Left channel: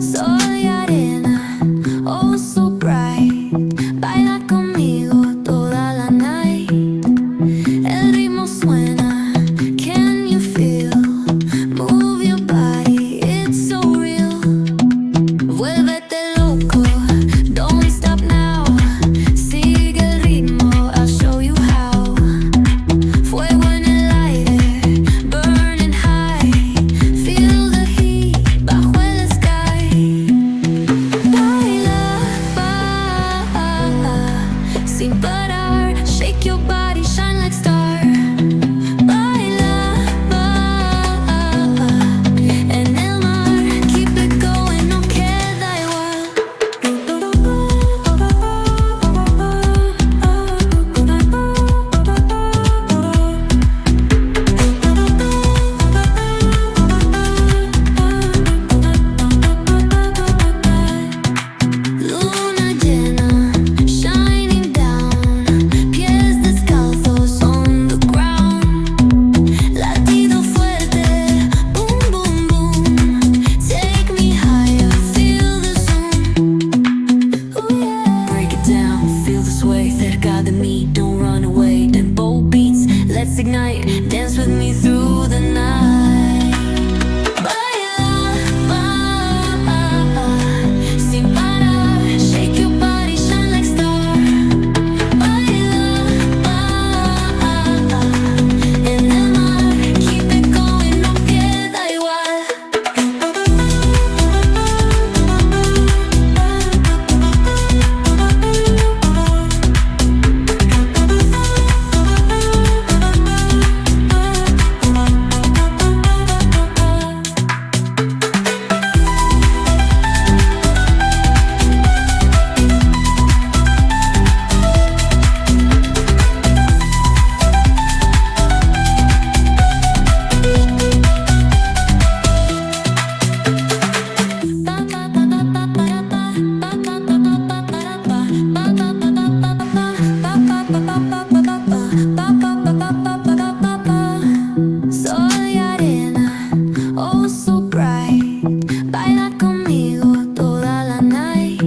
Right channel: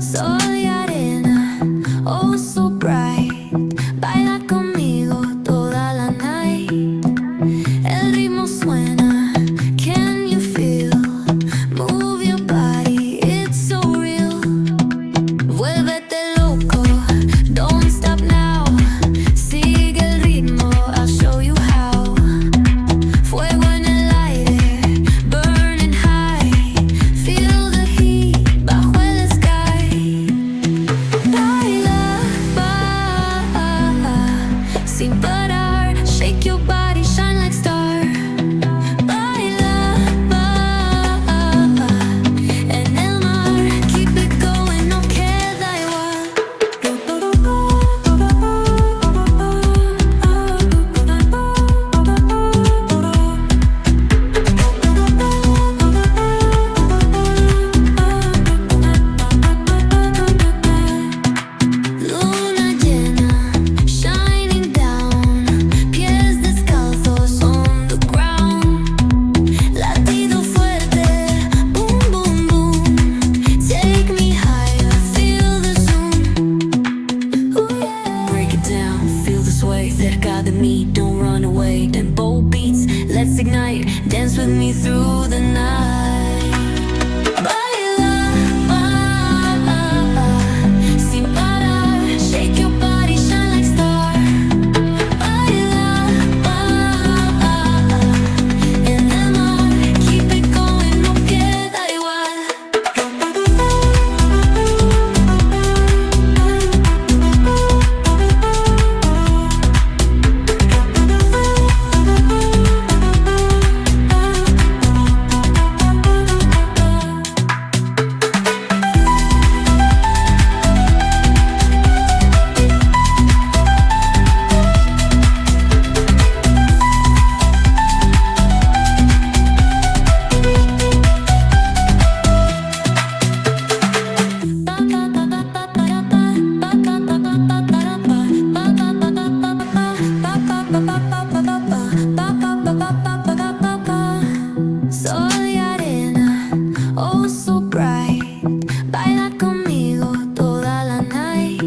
Soy arena, oh so bright. Baila conmigo toda la night. El ritmo suena, can you feel? Move your body, it's so real. Vuélvete loco, don't stop now. Sigue el ritmo, I'll show you how. Fuego en el aire, burning high. Feel the heat bajo el sky. Baila, sin parar. Shake your body, shine like star. Baila, en el mar. Keep it going, no queda igual. Luna llena, shining down. Pies descalzos on the ground. Latido fuerte, boom, boom, boom. Take me higher, feel the zoom. Ooh, yeah. Break it down, feel the sway. Cerca de mí, don't run away. Tempo beats, let's ignite. Dance with me through the night. Baila, sin parar. Shake your body, shine like star. Baila, en el mar. Keep it going, no queda igual. Soy arena, oh so bright. Baila conmigo toda la night.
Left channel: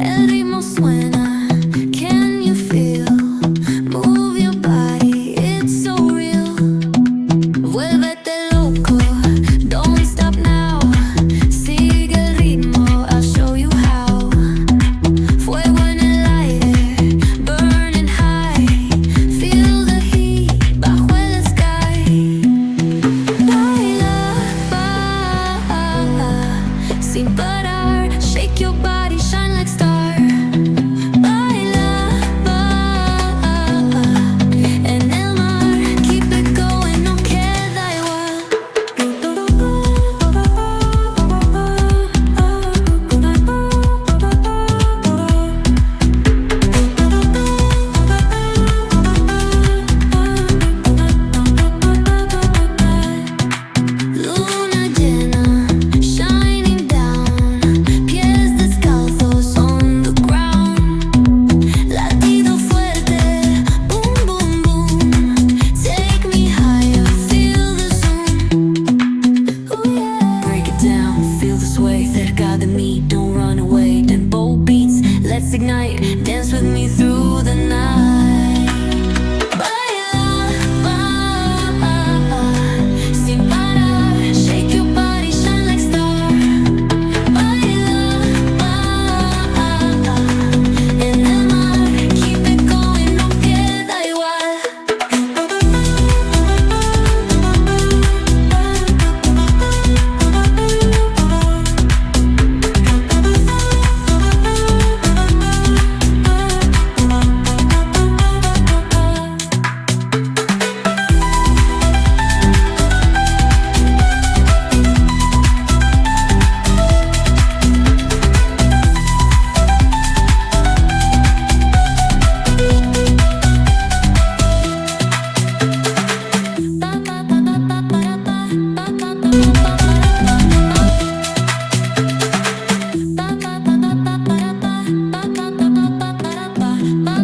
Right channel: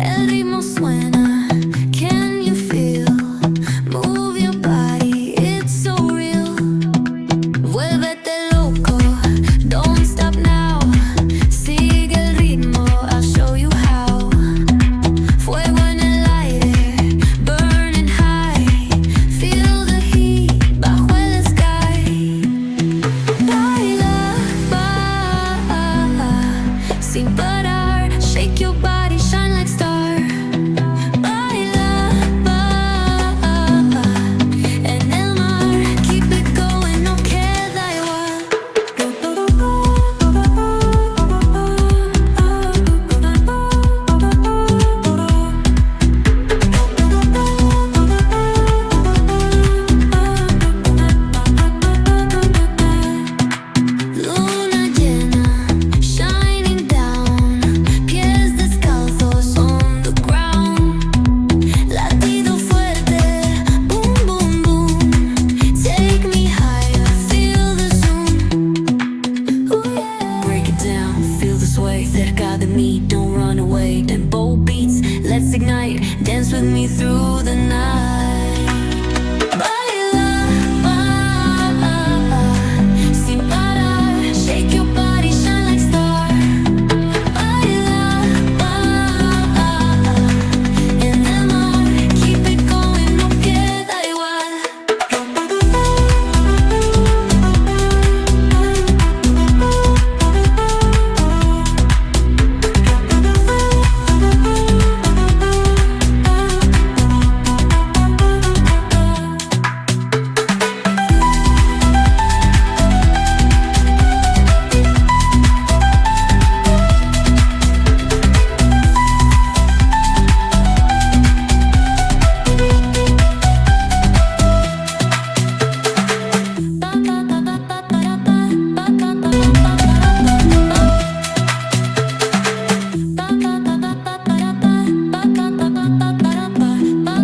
El ritmo suena, can you feel? Move your body, it's so real. Vuélvete loco, don't stop now. Sigue el ritmo, I'll show you how. Fuego en el aire, burning high. Feel the heat bajo el sky. Baila, sin parar. Shake your body, shine like star. Baila, en el mar. Keep it going, no queda igual. Luna llena, shining down. Pies descalzos on the ground. Latido fuerte, boom, boom, boom. Take me higher, feel the zoom. Ooh, yeah. Break it down, feel the sway. Cerca de mí, don't run away. Tempo beats, let's ignite. Dance with me through the night.